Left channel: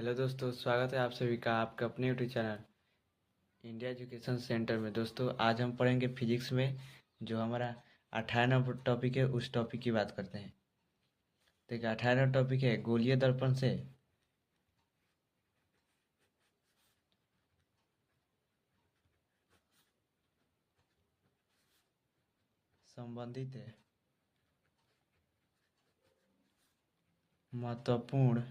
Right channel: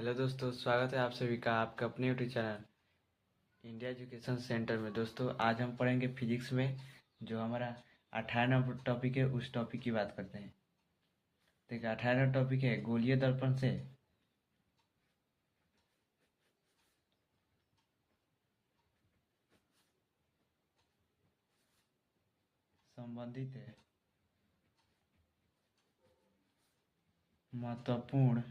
Hello दोस्तों, स्वागत है आप सभी का आपका अपने YouTube channel India education centre में। दोस्तों, आज हम पढ़ेंगे फिजिक्स में जो हमारा 18 नंबर टॉपिक है, उस टॉपिक की बात करते हैं। देखिए, 18 नंबर टॉपिक है गोलीय दर्पण से संबंधित है महत्वपूर्ण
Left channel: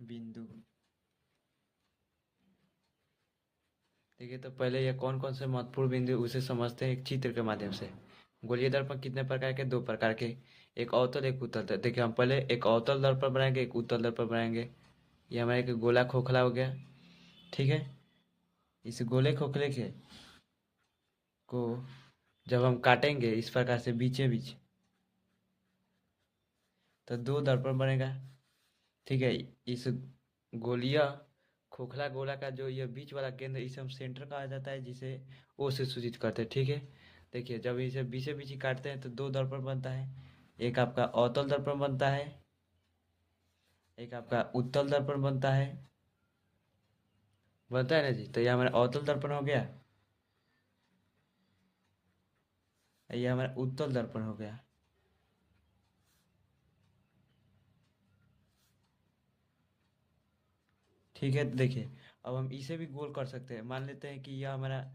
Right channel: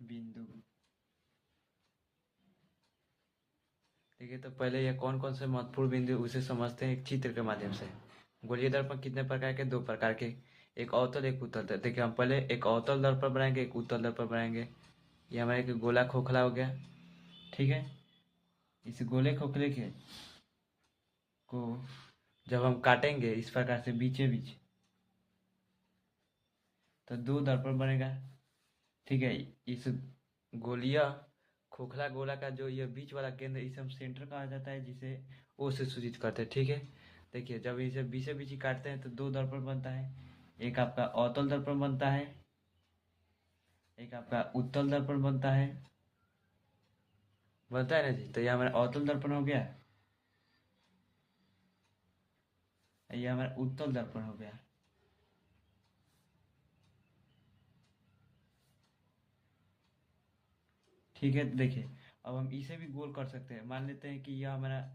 बिंदु। देखिए, तो पहले ये कौन कौन से महत्वपूर्ण बिंदु उसे समझते हैं एक चित्र के माध्यम से। गोलीय दर्पण कितने प्रकार के? दो प्रकार के, एक अवतल एक उत्तल दर्पण। देखिए, हम पहले एक अवतल दर्पण बनाएंगे, एक उत्तल दर्पण बनाएंगे। ये हमारा एक गोला खोखला हो गया। ठीक है, इस गोले खोखले के को जब हम काटेंगे इस प्रकार से बीचे बीच, तो दो दर्पण बनेगा। ठीक है, इस गोलिया खोखला गोला का जो ये बीच वाला केंद्र, इसे हम सेंटर कहा जाता है, जिसे ओ से सूचित करते हैं। ठीक है, देखिए, जब इसे बीचे बीच ही काटते हैं तो दो दर्पण बनता है। एक आपका अवतल दर्पण बनता है, एक आपका उत्तल दर्पण बनता है ना जी। तो ये हमारा अवतल दर्पण हो गया, ये हमारा उत्तल दर्पण हो गया। ठीक है, तो देखिए, अब हम इसे भी गोल कर सकते हैं। मान लेते हैं कि यह हमारा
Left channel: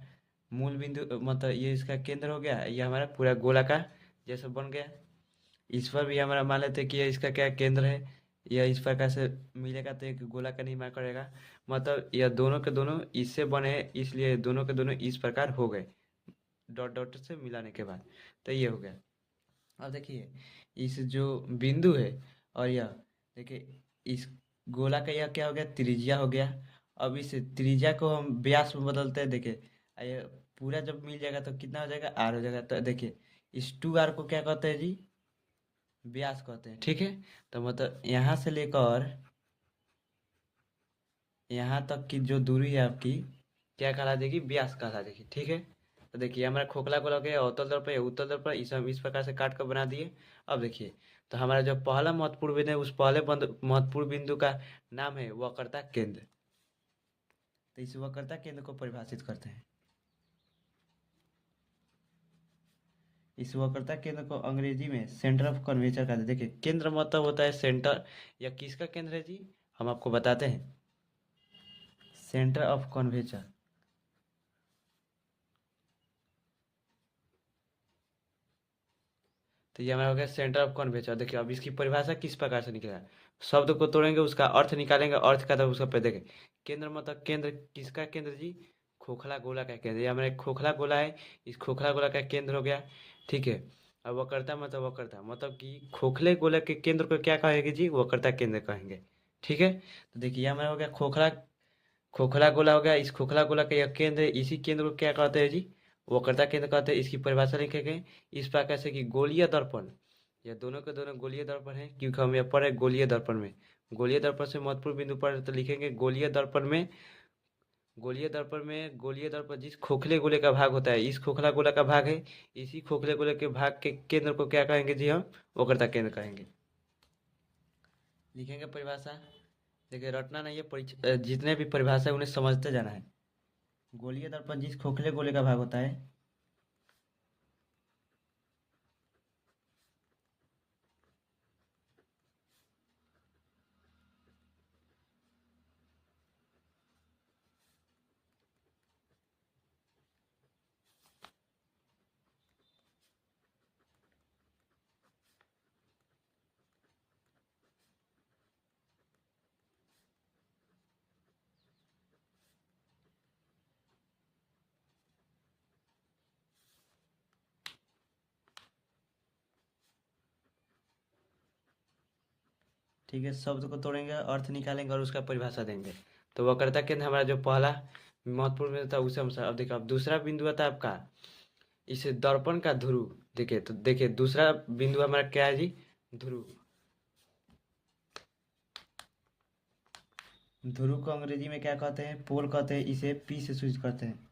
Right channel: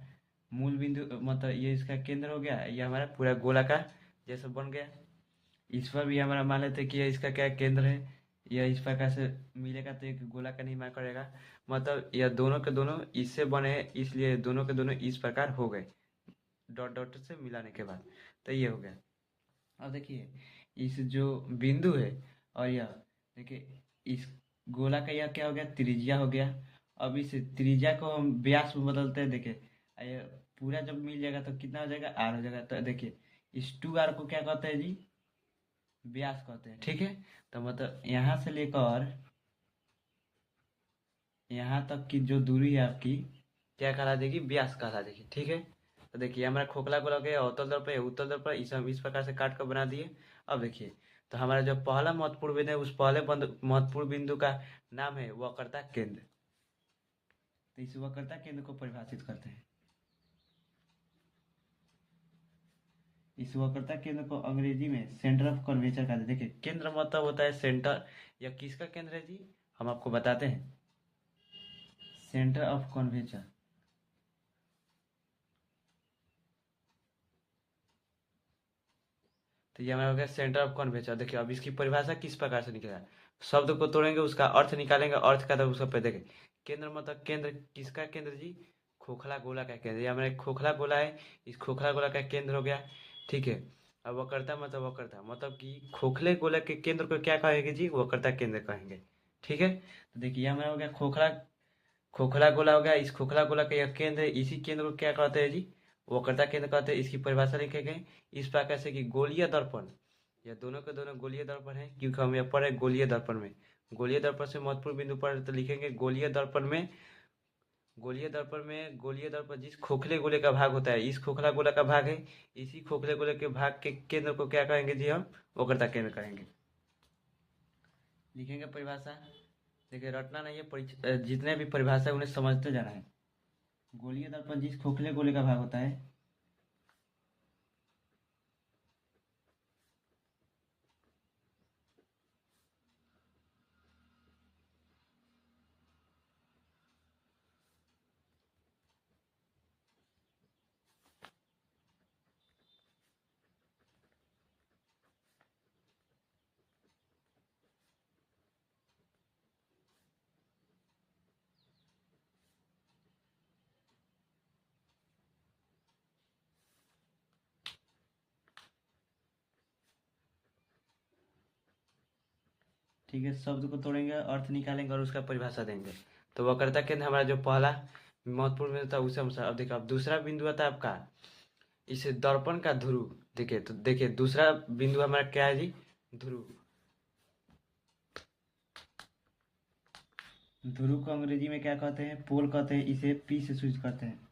मूल बिंदु, मतलब ये इसका केंद्र हो गया, यह हमारा पूरा गोला का जैसा बन गया। इस पर भी हमारा मान लेते हैं कि यह इसका क्या केंद्र है। यह इस प्रकार से मिलेगा तो एक गोला का निर्माण करेगा। मतलब यह दोनों के दोनों इससे बने हैं, इसलिए दोनों के दोनों इस प्रकार हो गए डॉट डॉट से मिलाने के बाद। तो ये हो गया। और देखिए, इस जो बिंदु है और यह, देखिए, इस गोला का यह क्या हो गया, त्रिज्या हो गया। अब इस त्रिज्या को हम व्यास में बदलते हैं। देखिए, ये पूरा जब मिल जाएगा तो कितना हो जाएगा, आर हो जाएगा। तो देखिए, इस 2r को क्या कहते हैं जी, व्यास कहते हैं। ठीक है, तो मतलब यहाँ से लेकर यहाँ तक की जो दूरी है आपकी, क्या कहला देगी, व्यास कहला देगी। ठीक है, तो देखिए, हमारा खोखला गोला हो गया अवतल दर्पण पे उत्तल दर्पण, इसे हम इस प्रकार से काट कर बना दिए। अब देखिए, तो हमारा जो पहला महत्वपूर्ण बिंदु है, उस पहले महत्वपूर्ण बिंदु का नाम है वक्रता केंद्र। तो इस वक्रता केंद्र को परिभाषित करते हैं। इस वक्रता केंद्र को अंग्रेजी में सेंटर ऑफ कर्वेचर कहते हैं। देखिए, केंद्र मतलब होता है सेंटर। या किसका केंद्र है जी, हम आपको बताते हैं, सेंटर ऑफ कर्वेचर। तो ये हमारा हो गया सेंटर ऑफ कर्वेचर। देखिए, अब इसकी परिभाषा किस प्रकार से निकलेगा, शब्द को तोड़ेंगे, उसका अर्थ निकालेंगे, अर्थ का तो उसका पे देखें। केंद्र मतलब केंद्र, किसका केंद्र जी, खोखला गोला का केंद्र। ये हमारा एक खोखला गोला है, इस खोखला गोला का केंद्र हो गया। ठीक है, अब वक्रता मतलब वक्रता मतलब कि खोखले गोला के केंद्र को क्या कहेंगे जी, वक्रता केंद्र कहेंगे। ठीक है, तो देखिए, ये हमारा हो गया खोखला खोखला गोला हो गया। इस खोखला गोला का यह केंद्र है, इसी केंद्र को क्या कहते हैं जी, वक्रता केंद्र कहते हैं। इसकी परिभाषा लिखे गए इस प्रकार से कि गोलीय दर्पण, यह दोनों के दोनों गोलीय दर्पण है, क्योंकि हम यह पढ़े गोलीय दर्पण में। गोलीय दर्पण से महत्वपूर्ण बिंदु पर तो लिखेंगे गोलीय दर्पण जिस खोखले गोले का भाग होता है, इस खोखला गोला का भाग है, इसी खोखले गोले के भाग के केंद्र को क्या कहेंगे जी, हम वक्रता केंद्र कहेंगे। लिखेंगे परिभाषा। देखिए, रटना नहीं है, जितने भी परिभाषा है उन्हें समझते जाना है। गोलीय दर्पण जिस खोखले गोले का भाग होता है, ठीक है, शब्द को तोड़ेंगे, अर्थ निकालेंगे और उसका परिभाषा देंगे। तो वक्रता केंद्र हमारा जो पहला महत्वपूर्ण बिंदु था उसे हम अब देखिए, अब दूसरा बिंदु आता है आपका, इसे दर्पण का ध्रुव। देखिए, तो देखिए, दूसरा बिंदु हमारा क्या है जी, ध्रुव। ध्रुव को अंग्रेजी में क्या कहते हैं, पोल कहते हैं। इसे पी से सूचित करते हैं।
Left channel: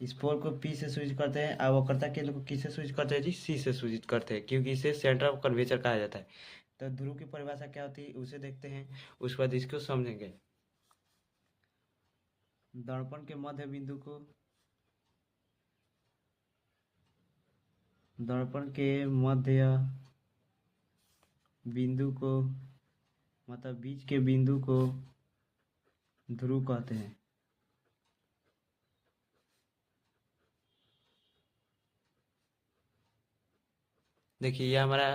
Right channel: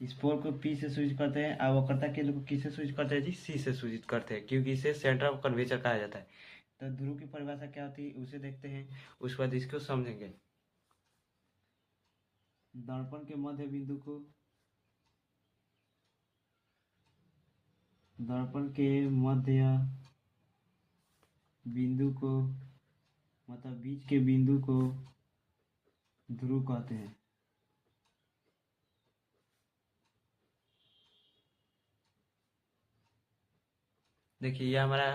स्पोर को पी से सूचित करते हैं और वक्रता केंद्र को किससे सूचित करते हैं जी? सी से सूचित करते हैं, क्योंकि इसे सेंटर ऑफ कर्वेचर कहा जाता है। तो ध्रुव की परिभाषा क्या होती है उसे देखते हैं, उसके बाद इसको समझेंगे। दर्पण के मध्य बिंदु को, दर्पण के मध्य बिंदु को मतलब बीच के बिंदु को ध्रुव कहते हैं। देखिए यह हमारा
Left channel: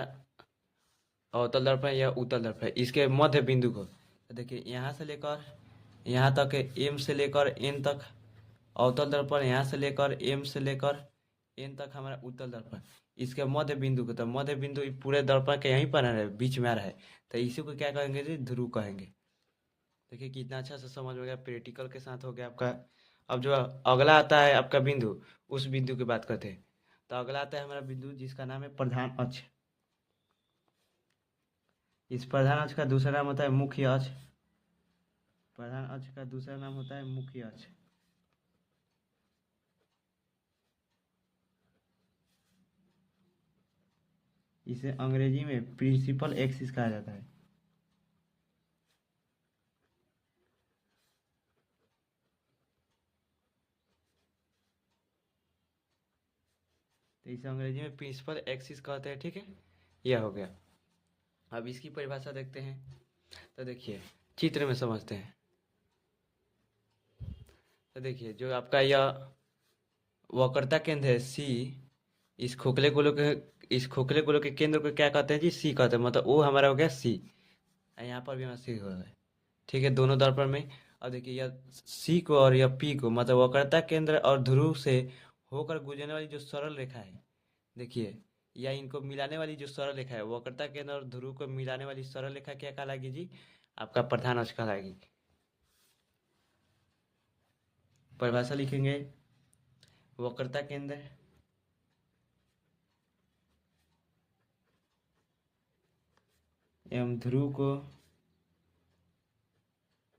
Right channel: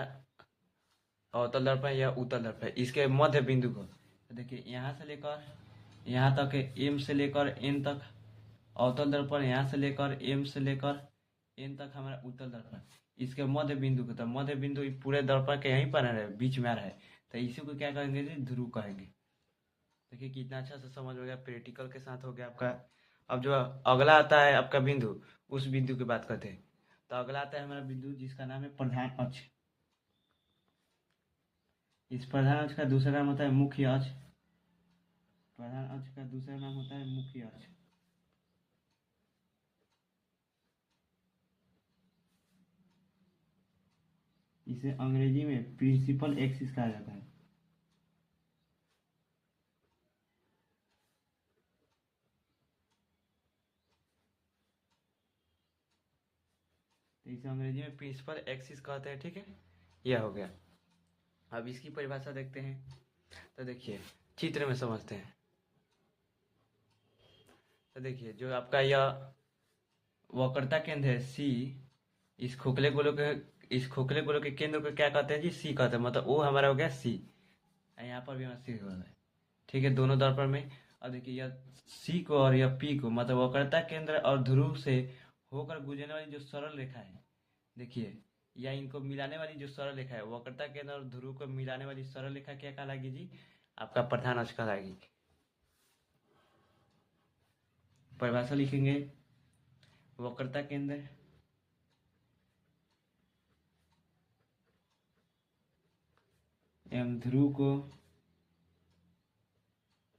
अवतल दर्पण या उत्तल दर्पण है, इसके मध्य बिंदु को तो देखिए यहाँ से लेकर यहाँ तक एम से लेकर एन तक अवतल दर्पण, यहाँ से लेकर एम से लेकर एन तक हमारा उत्तल दर्पण, इसके मध्य बिंदु को, तो मध्य बिंदु पूरे दर्पण के यहीं पर है, बीच में आ रहा है, तो इसी को क्या कहेंगे जी? ध्रुव कहेंगे। देखिए कितना अच्छा से समझ में गया, प्रैक्टिकल के साथ हो गया आपका। अब जो अगला आता है आपका बिंदु, उस बिंदु की बात करते हैं। तो अगला आता है हमारा बिंदु जिसका नाम है प्रधान अक्ष। इस प्रधान अक्ष का दूसरा नाम होता है मुख्य अक्ष। प्रधान अक्ष का दूसरा नाम होता है मुख्य अक्ष। इसे अंग्रेजी में प्रिंसिपल एक्सिस कहा जाता है। तो इसे अंग्रेजी में प्रिंसिपल एक्सिस कहते हैं, ठीक है। यह हो गया। अब इसकी परिभाषा देखते हैं। तो देखिए चित्र में समझते हैं। तो देखिए जो आपका यह वक्रता केंद्र है सी, इस खोखले गोलों के केंद्र को क्या कहते हैं जी? सी कहते हैं, मतलब वो हमारा हो गया सी। यहाँ पर भी हमारा सी हो गया, ठीक है, दोनों दर्पण में। अब देखिए यह सी को और यह पी को, मतलब वक्रता केंद्र और ध्रुव से होकर गुजरने वाली जो सरल रेखा है, देखिए या इनको मिलाने वाली जो सरल रेखा है, वक्रता केंद्र और ध्रुव को मिलाने वाली सरल रेखा क्या कहलाएगी जी? आपका प्रधान अक्ष कहलाएगी। परिभाषा लिखेंगे, वक्रता केंद्र एवं ध्रुव को,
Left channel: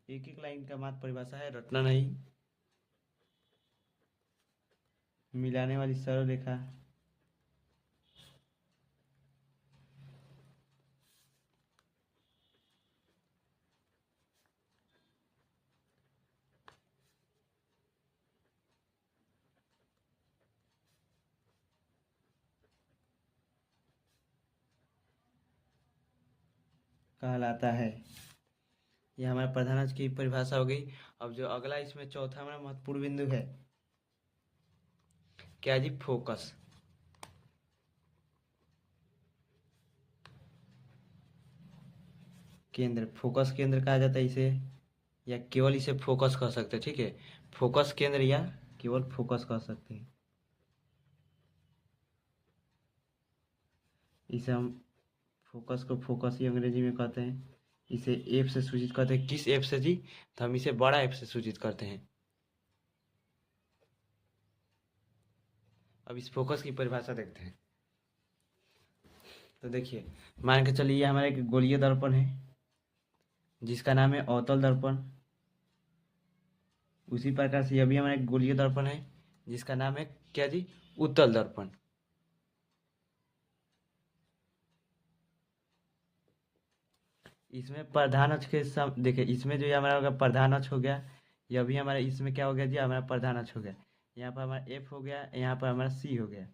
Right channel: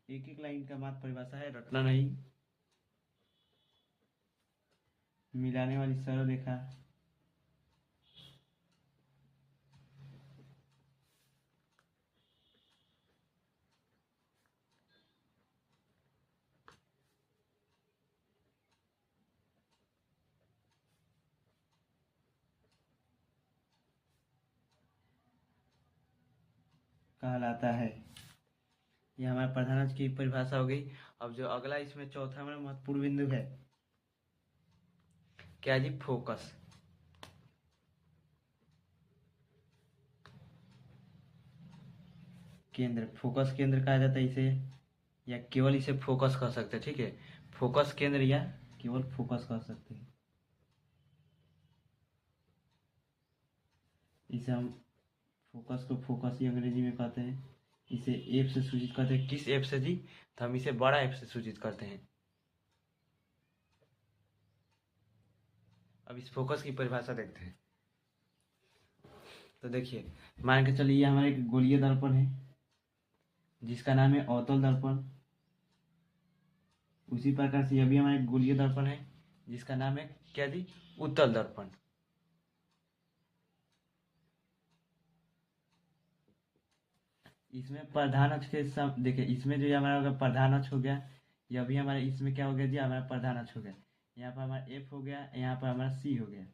एक एक लाइन का मात्र परिभाषा है, रटना नहीं, मिलाने वाली सरल रेखा कहलाता है। यह हमारे प्रधान अक्ष की परिभाषा हो गई। अब जो अगला इसमें चौथा हमारा महत्वपूर्ण बिंदु है, क्या जी? फोकस। केंद्र, फोकस केंद्र कहा जाता है इसे, या केवल इसे फोकस कह सकते हैं, ठीक है। फोकस केंद्र या केवल फोकस कह सकते हैं। इसे हम फोकस को फोकस ही अंग्रेजी में कहते हैं। इसे एफ से सूचित करते हैं। किस एफ से जी? तो हम इसे बड़ा एफ से सूचित करते हैं। अब इस फोकस की परिभाषा देखते हैं। तो देखिए मान के चलिए ये हमारा एक गोलीय दर्पण है जिसका नाम है अवतल दर्पण। उसी प्रकार से यह भी हमारा एक गोलीय दर्पण है जिसका नाम है क्या जी? उत्तल दर्पण। इसमें प्रधान अक्ष के देखिए इसमें जो ये हमारा होगा प्रधान अक्ष हो गया, यह भी हमारा इसमें क्या हो गया जी? हमारा प्रधान अक्ष हो गया। यहाँ पर हमारा एफ हो गया, यहाँ पर हमारा सी हो गया,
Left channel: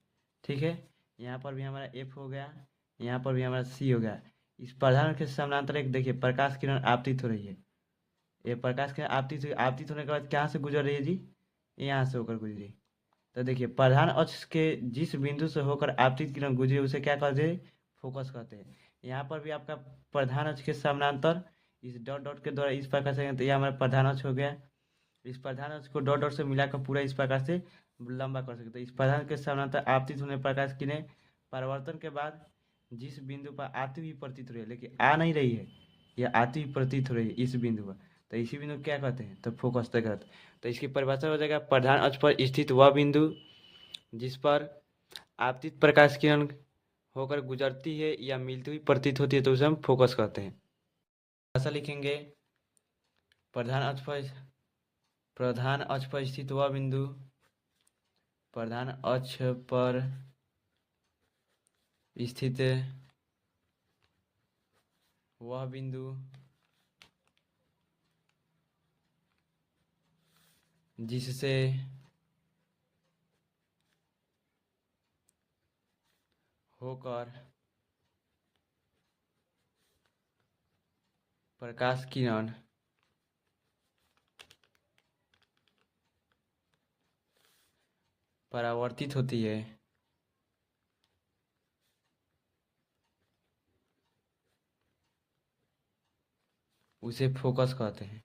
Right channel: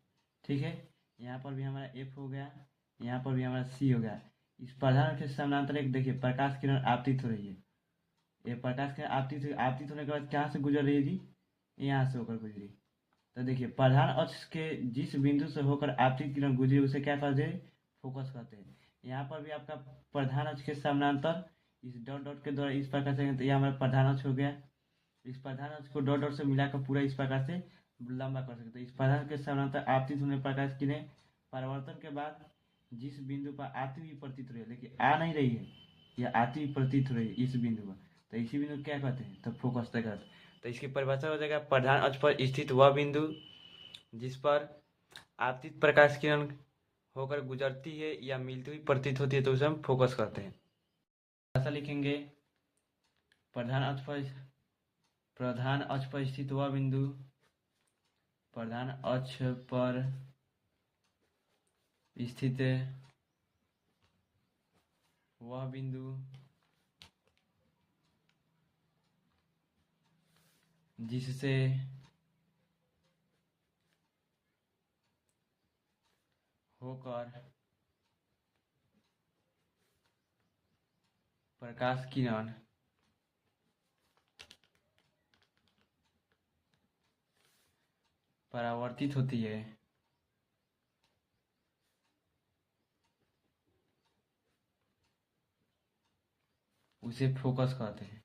ठीक है। यहाँ पर भी हमारा एफ हो गया, यहाँ पर भी हमारा सी हो गया। इस प्रधान अक्ष के समानांतर एक देखिए प्रकाश किरण आपतित हो रही है। ये प्रकाश किरण आपतित होने के बाद कहाँ से गुजर रही है जी? यहाँ से होकर गुजरी। तो देखिए प्रधान अक्ष के जिस बिंदु से होकर आपतित किरण गुजरी उसे क्या कहते हैं? फोकस कहते हैं। यहाँ पर भी आपका प्रधान अक्ष के समानांतर इस डॉट डॉट के द्वारा इस प्रकार से, तो यह हमारा प्रधान अक्ष हो गया। इस प्रधान अक्ष को डॉट डॉट से मिलाकर पूरा इस प्रकार से लंबा कर सकते हैं। इस प्रधान के समानांतर आपतित होने प्रकाश किरणें परावर्तन के बाद जिस बिंदु पर आती हुई प्रतीत हो रही है, लेकिन आ नहीं रही है, यह आती हुई प्रतीत हो रही है इस बिंदु पर, तो इसी बिंदु को क्या कहते हैं? तो फोकस तक कहते हैं। तो इसकी परिभाषा हो जाएगा, प्रधान अक्ष पर स्थित वह बिंदु जिस पर आपतित प्रकाश किरण होकर गुजरती है या मिलती हुई प्रतीत होती है, तो उसे हम फोकस कहते हैं। ऐसा लिखेंगे, प्रधान अक्ष पर स्थित वह बिंदु प्रधान अक्ष पर स्थित वह बिंदु जिससे होकर प्रकाश किरण परावर्तित होती है, उसे फोकस कहते हैं।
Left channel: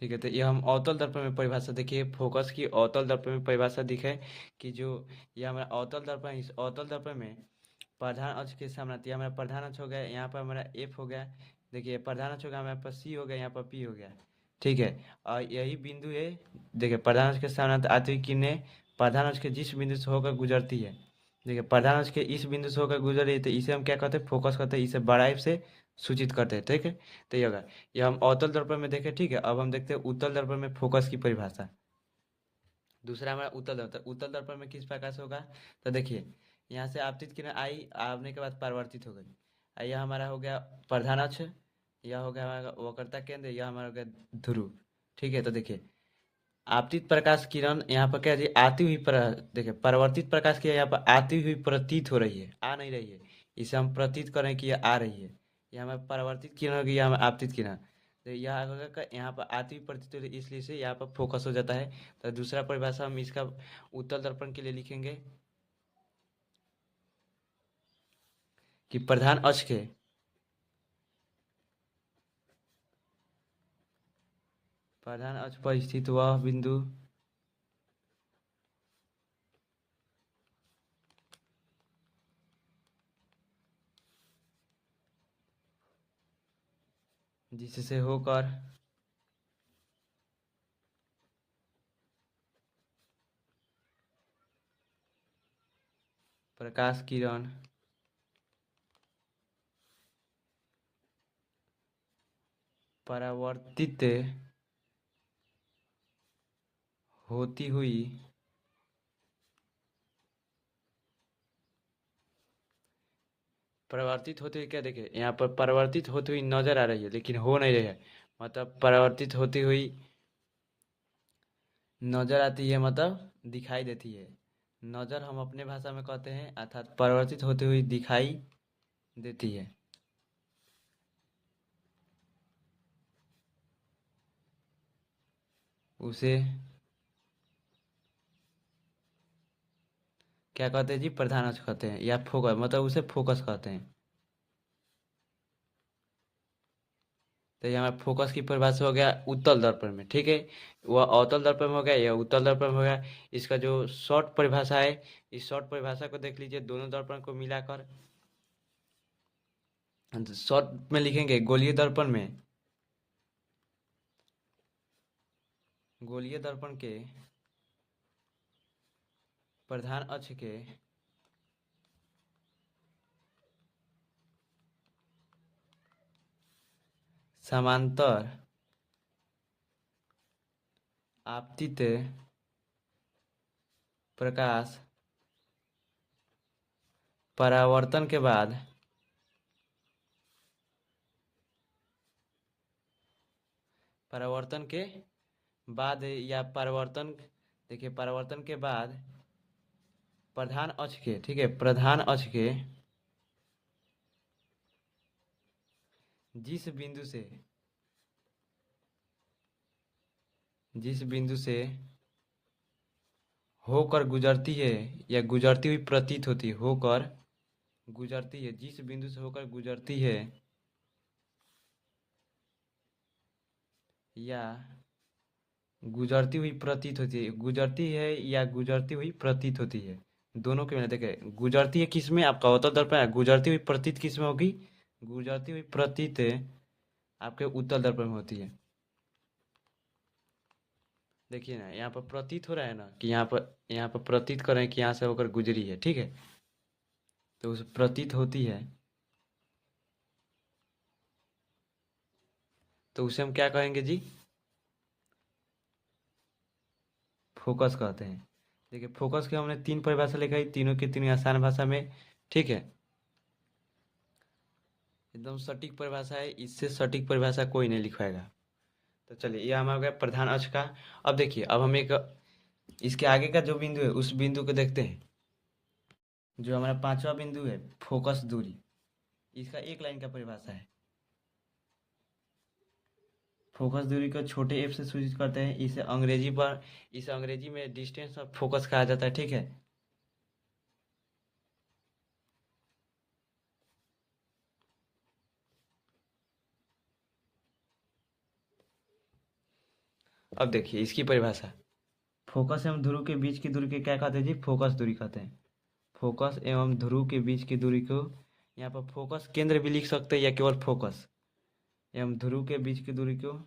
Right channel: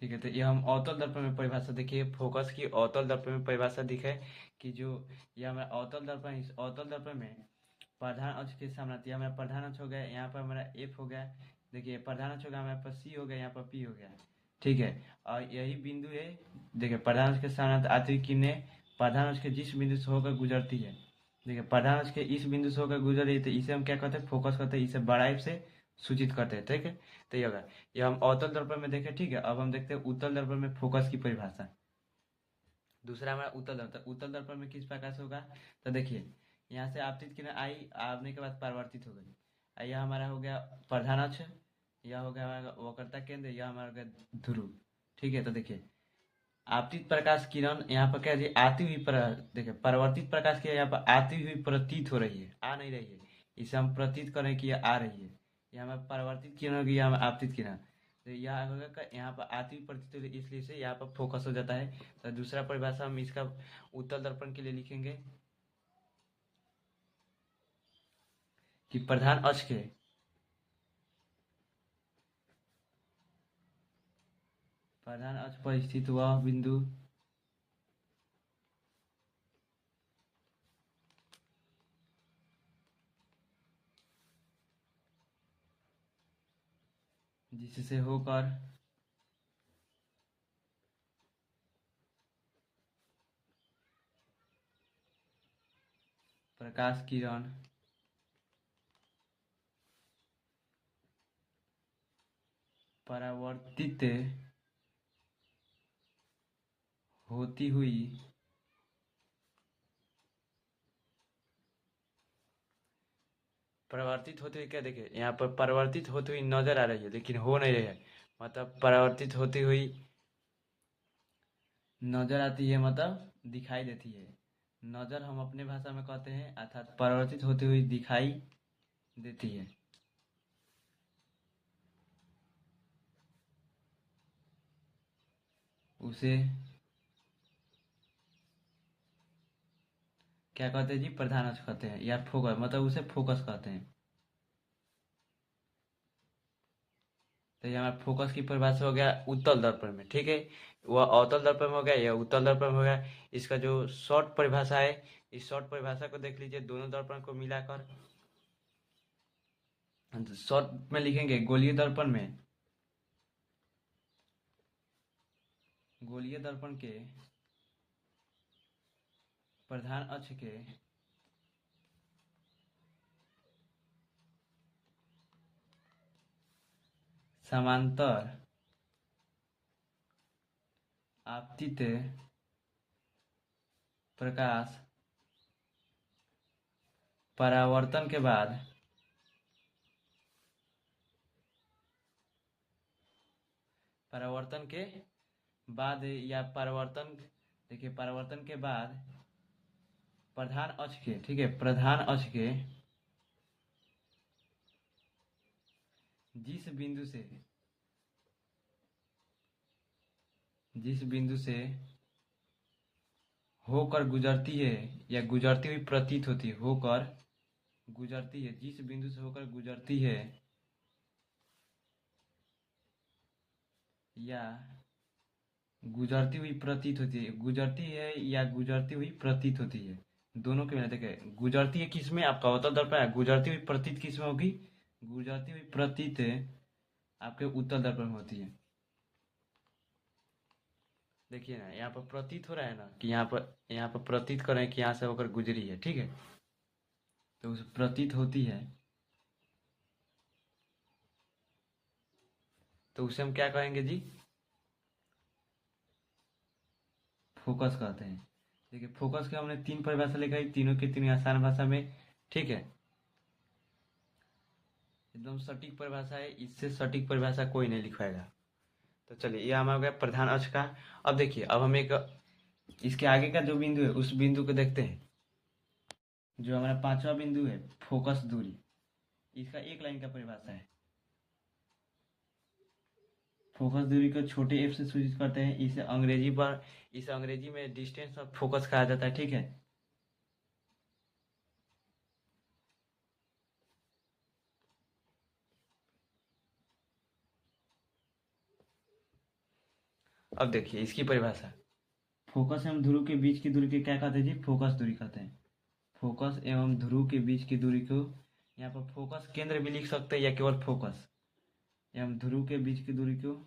ठीक है, तो ये हम अवतल दर्पण में परिभाषा देखिए, फोकस की अवतल दर्पण में परिभाषा दिखे कि जो ये हमारा अवतल दर्पण, इस अवतल दर्पण में प्रधान अक्ष के सामने आती है। हमारा प्रधान अक्ष हो गया, यहाँ पर हमारा एफ हो गया। देखिए प्रधान अक्ष हो गया, हमारे पास सी हो गया, यहाँ पर पी हो गया। ठीक है, और यही बिंदु है। देखिए प्रधान अक्ष के सामने आती हुई किरणें प्रधान अक्ष के जिस बिंदु से होकर गुजरती है, देखिए प्रधान अक्ष के इस बिंदु से होकर गुजर रही है, तो इसे हम क्या कहते हैं, फोकस कहते हैं। इसे बड़ाई से सूचित करते हैं। ठीक है, तो ये होगा, ये हम अवतल दर्पण में देखें। ठीक है, अब हम देखते हैं उत्तल दर्पण में फोकस की परिभाषा। दूसरा हमारा उत्तल दर्पण, उत्तल दर्पण में किस प्रकार से होगा, तो देखिए यहाँ से आपतित किरण आई, आपने के बाद परावर्तित हो गई। यह हमारा हो गया प्रधान अक्ष, यह हो गया हमारा वक्रता केंद्र, यह हमारा हो गया ध्रुव। ठीक है, तो देखिए आपतित प्रकाश किरण यहाँ पर क्या है जी, आती हुई देखिए परावर्तित प्रकाश की यहाँ पर आती हुई प्रतीत हो रही है, आ नहीं रही है। इसे हम प्रतीत करें कि यह आ रही है। यह हमें परावर्तित किरण होगी, यह हमें आपतित किरण। तो यह होगा यहाँ पर आती हुई प्रतीत हो रही है, इसलिए से यहाँ पर फोकस हो जाता है। तो दूसरा परिभाषा हम इसका उत्तल दर्पण के लिए लिखेंगे कि प्रधान अक्ष के प्रधान अक्ष पर स्थित वह बिंदु जिससे होकर प्रकाश किरण परावर्तित होती हुई परावर्तित होती हुई, क्या देखिए यहाँ पर परावर्तित होती हुई नजर आ रही है, लेकिन हो नहीं रही है। मतलब परावर्तित होती हुई नजर आती है, मतलब दिखाई देती है। नजर हम अपने भाषा में कहते हैं, अर्थात परावर्तित होती हुई दिखाई देती है, उसे क्या कहते हैं जी, प्रधान अक्ष कहते हैं, या फोकस, मतलब उसे फोकस कहते हैं। तो यहाँ फोकस की परिभाषा हो गया उत्तल दर्पण में। ठीक है, वह अवतल दर्पण में हो गया, यह उत्तल दर्पण में हो गया। इसका जो शॉर्ट परिभाषा है, इस शॉर्ट परिभाषा को देख लीजिए, दोनों दर्पण को मिलाकर शॉर्ट में लिखेंगे गोलीय दर्पण में, गोलीय दर्पण के प्रधान अक्ष के समांतर आपतित प्रकाश परावर्तन के बाद या परावर्तन, देखिए परावर्तन के बाद प्रधान अक्ष के, ठीक है, प्रधान अक्ष के जिस बिंदु से होकर गुजरती है, या गुजरती हुई प्रतीत होती है, होकर गुजरती है, जिस बिंदु से होकर गुजरती है, या गुजरती हुई प्रतीत होती है, गुजरती है या गुजरती हुई प्रतीत होती है, दोनों के मिला। देखिए गुजरती है किस में, आपका अवतल दर्पण है, गुजरती हुई प्रतीत किस में होगी, गुजरती हुई प्रतीत आपके उत्तल दर्पण में होती है। देखिए ना, यहाँ पर प्रतीत हो रहा है ना, कि यहाँ पर प्रतीत कर रहे हैं कि यहाँ से होकर गुजरी है। ठीक है, तो उस प्रतीत होती है, तो उसे हम क्या कहेंगे जी, फोकस कहते हैं। देखिए फोकस के हमने तीन परिभाषा लिखाई, तीनों की तीनों आसान भाषा में, ठीक है, एकदम सटीक परिभाषा है, इससे सटीक परिभाषा कोई नहीं लिखवाएगा। तो चलिए ये हमारा हो गया प्रधान अक्ष का। अब देखिए अब हम एक इसके आगे का जो बिंदु है उस बिंदु को देखते हैं। जो हमारा पांचवा बिंदु है फोकस दूरी, इसका एक लाइन का परिभाषा है। फोकस दूरी को छोटे एफ से सूचित करते हैं। इसे अंग्रेजी में डिस्टेंस ऑफ फोकस कहा जाता है, ठीक है। अब देखिए इसकी परिभाषा, फोकस एवं ध्रुव के बीच की दूरी को क्या कहते हैं जी, फोकस दूरी कहते हैं। फोकस एवं ध्रुव के बीच की दूरी को, यहाँ पर फोकस केंद्र भी लिख सकते हैं या केवल फोकस, एवं ध्रुव के बीच की दूरी को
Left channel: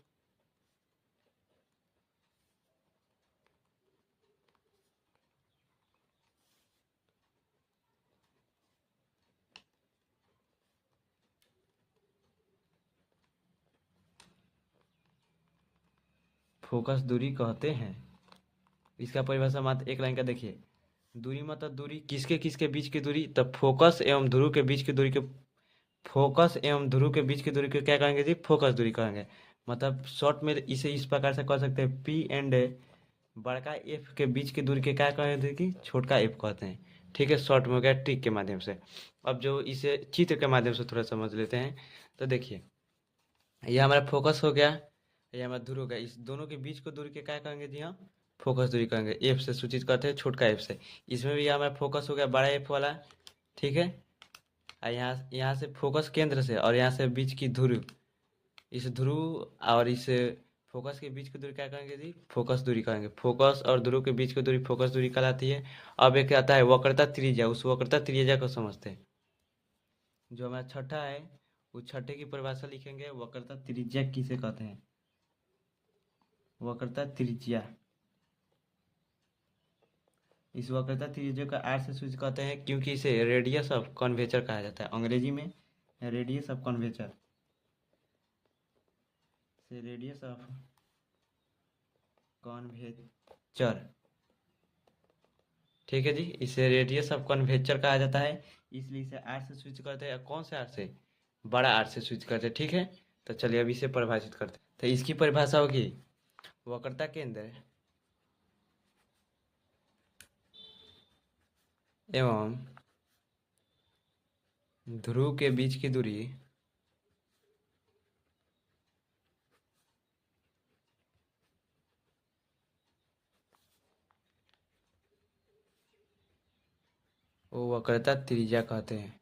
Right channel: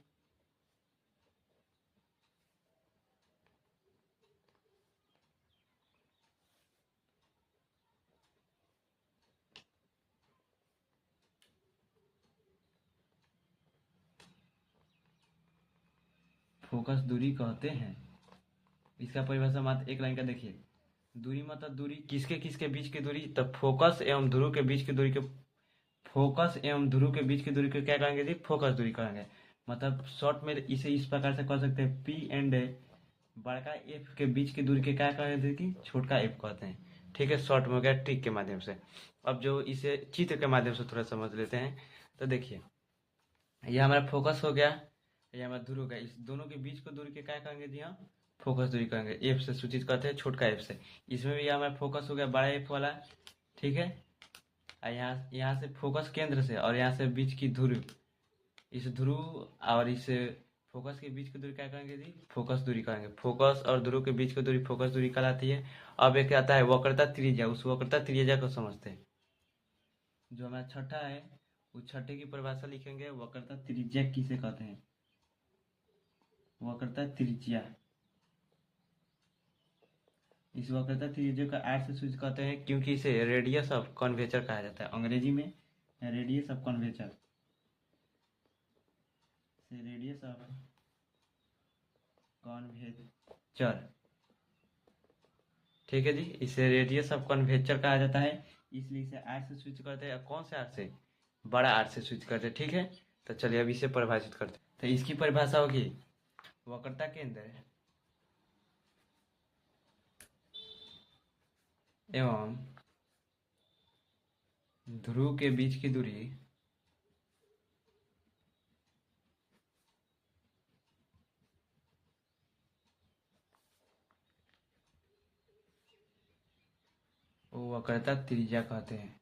फोकस दूरी कहते हैं। इसका परिभाषा मात्र एक लाइन का देखिए, दूरी मतलब दूरी किसके किसके बीच की दूरी, तब फोकस एवं ध्रुव के बीच की दूरी को, फोकस एवं ध्रुव के बीच की दूरी को क्या कहेंगे जी, फोकस दूरी कहेंगे। मतलब शॉर्ट में इसे इस प्रकार से कह सकते हैं, पी एंड बड़का एफ के बीच की दूरी के क्या कहते हैं कि छोटका एफ कहते हैं, ठीक है। शॉर्ट में हो गया ट्रिक के माध्यम से। अब जो इसे चित्र के माध्यम से थोड़ा समझ लेते हैं। तो देखिए ये हमारा फोकस हो गया, ये हमारा ध्रुव हो गया, इस दोनों के बीच को दूरी के क्या कहेंगे जी हम, फोकस दूरी कहेंगे। एफ से सूचित करते हैं, छोटका एफ से। इसमें भी हमारा फोकस हो गया बड़ा एफ वाला, ठीक है। और यहाँ से फोकस केंद्र से और यहाँ से बीच की ध्रुव, इस ध्रुव और इस फोकस के बीच की दूरी क्या कहेंगे जी, फोकस दूरी कहेंगे। फोकस और ध्रुव के बीच की दूरी फोकस दूरी कहलाती है। अब एक आता है वक्रता त्रिज्या, उस वक्रता त्रिज्या को समझते हैं। जो हमारा छठा है उस छठे की परिभाषा लिखेंगे, वक्रता त्रिज्या किसे कहते हैं, वक्रता त्रिज्या। इस वक्रता त्रिज्या का आर से सूचित कहते हैं क्योंकि इसे रेडियस ऑफ कर्वेचर कहा जाता है, अंग्रेजी में रेडियस ऑफ कर्वेचर, से रेडियस ऑफ कर्वेचर, ठीक है जी। इसे रेडियस ऑफ कर्वेचर कहा जाता है, इसलिए इसे आर से स्विच करते हैं। कौन से आर से, बड़ा आर से स्विच करते हैं, ठीक है। तो चलिए अब इसे परिभाषित करते हैं। तो इसकी परिभाषा होगी, वक्रता केंद्र एवं ध्रुव के बीच की दूरी वो वक्रता त्रिज्या कहते हैं।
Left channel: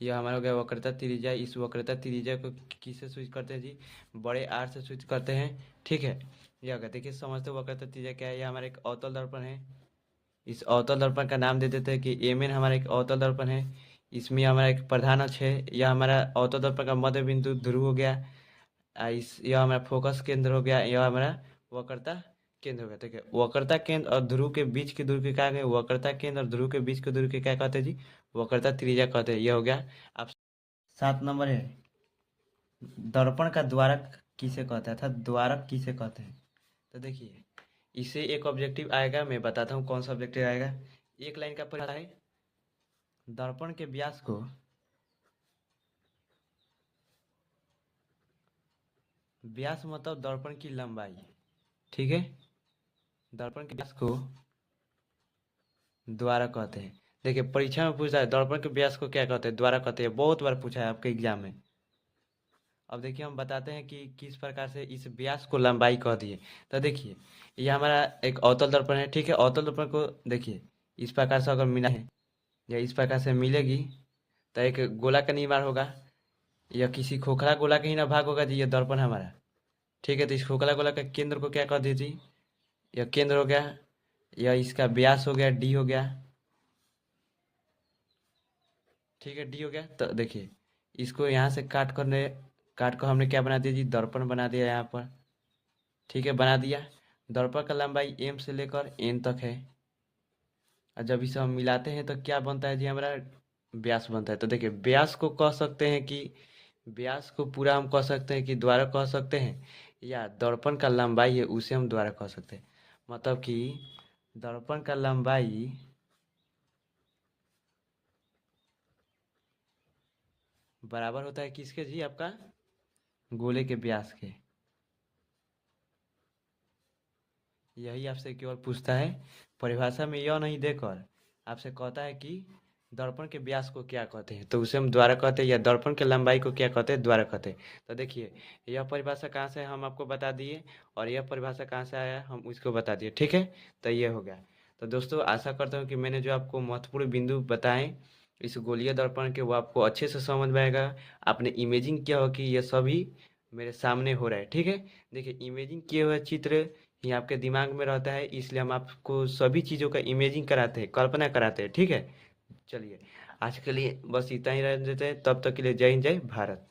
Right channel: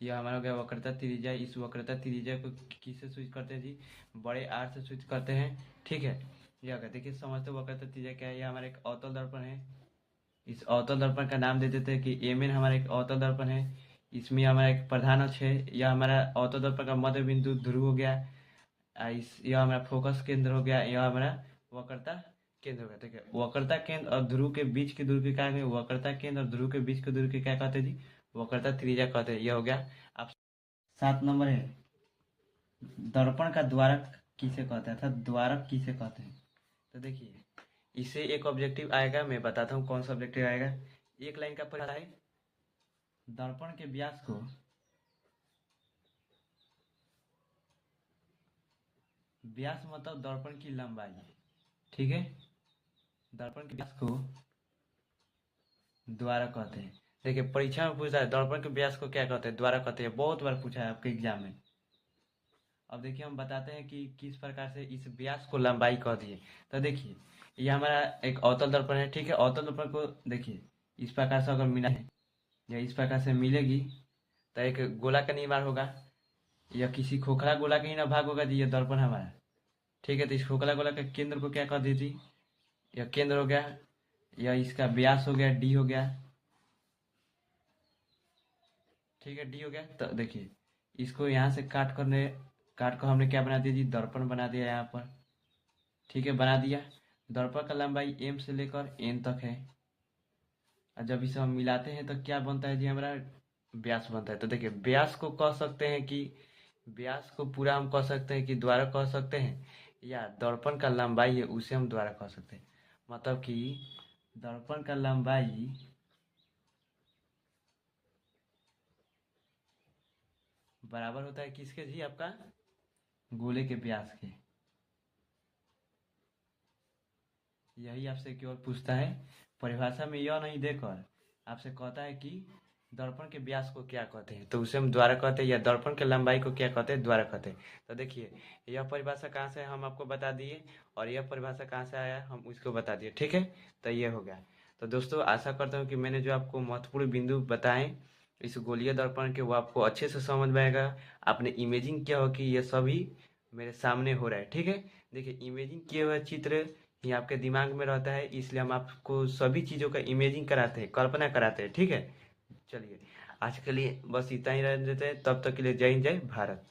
यह हमारा हो गया वक्रता त्रिज्या। इस वक्रता त्रिज्या को किससे स्विच करते हैं जी, बड़े आर से स्विच करते हैं, ठीक है। यह कहते हैं कि समझते वक्रता त्रिज्या क्या है, यह हमारा एक अवतल दर्पण है। इस अवतल दर्पण का नाम दे देते हैं कि एम एन हमारा एक अवतल दर्पण है। इसमें हमारा एक प्रधान अक्ष है, यह हमारा अवतल दर्पण का मध्य बिंदु ध्रुव हो गया। यह हमारा फोकस केंद्र हो गया, यह हमारा वक्रता केंद्र हो गया, ठीक है। वक्रता केंद्र और ध्रुव के बीच की दूरी को क्या कहेंगे, वक्रता केंद्र और ध्रुव के बीच की दूरी को क्या कहते हैं जी, वक्रता त्रिज्या कहते हैं। यह हो गया। अब 7 नंबर है, दर्पण का द्वारक किसे कहते हैं, अर्थात द्वारक किसे कहते हैं। तो देखिए इसे एक ऑब्जेक्टिव आएगा, मैं बताता हूँ कौन सा ऑब्जेक्टिव आएगा। एक लाइन का पहला है, दर्पण के व्यास को, व्यास मतलब दर्पण की लंबाई, ठीक है। दर्पण के व्यास को द्वारक कहते हैं। देखिए परीक्षा में पूछता है दर्पण के व्यास को क्या कहते हैं, द्वारक कहते हैं, बहुत बार पूछा है आपके एग्जाम में। अब देखिए हम बताते हैं कि किस प्रकार से इस व्यास को लंबाई कह दिए। तो देखिए ये हमारा एक अवतल दर्पण है, ठीक है। अवतल दर्पण को देखिए इस प्रकार से अगर मिला है या इस प्रकार से मिलेगी तो एक गोला का निर्माण होगा, या किसी खोखला गोला का ही ना भाग होगा जी ये दर्पण हमारा, ठीक है। तो इस खोखला गोला का केंद्र को क्या कह दीजिए, यह केंद्र हो गया, या इसका व्यास हो गया डी हो गया, ठीक है, डी हो गया। तो देखिए इसको यहाँ से काट कर हमने क्या बना दिया जी, दर्पण बना दिया यहाँ पर, ठीक है, बना दिया। दर्पण का लंबाई एम से लेकर एन तक है, और जब इसे हम मिलाते हैं तो क्या बनता है जी, हमारा व्यास बनता है। तो देखिए व्यास को कह सकते हैं कि व्यास को पूरा हम कह सकते हैं कि द्वारा कह सकते हैं, या दर्पण का लंबाई है उसे हम द्वारा कह सकते हैं। मतलब कि दर्पण का लंबाई बराबर होता है किसके जी, आपका गोले के व्यास के। यही आपसे केवल पूछता है, परिभाषा में यह नहीं देकर आपसे कहता है कि दर्पण के व्यास को क्या कहते हैं, तो उसे हम द्वारा कहते हैं, या दर्पण के लंबाई को क्या कहते हैं, द्वारा कहते हैं। तो देखिए, यह परिभाषा कहाँ से हम आपको बता दिए, और यह परिभाषा कहाँ से आया हम उसको बता दिए, ठीक है। तो ये हो गया। तो दोस्तों, आशा करता हूँ कि मैंने जो आपको महत्वपूर्ण बिंदु बताए इस गोलीय दर्पण के, वो आपको अच्छे से समझ में आएगा। आपने इमेजिंग किया हो कि ये सभी मेरे सामने हो रहा है, ठीक है। देखिए, इमेजिंग किए हुए चित्र ये आपके दिमाग में रहता है, इसलिए हम आपको सभी चीज़ों का इमेजिंग कराते हैं, कल्पना कराते हैं, ठीक है। चलिए, आज के लिए बस इतना ही रहने देते हैं, तब तक के लिए जय हिंद, जय भारत।